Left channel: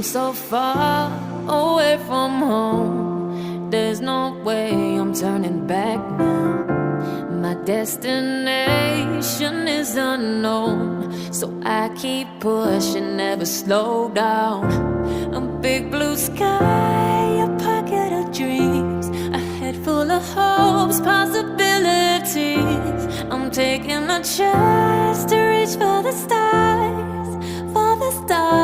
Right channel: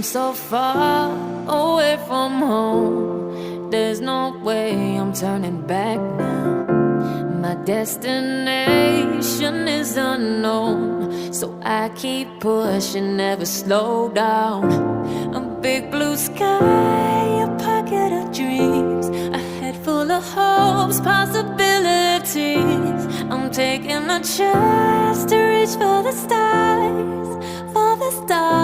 I'm so far away from home. There's no way I'm turning back now. My destination is unknown, so I keep pushing, never slow down. A big blue sky, a pocket of dreams, a head full of hopes, possibilities. I'm taking a chance to reach for the stars, for the stars.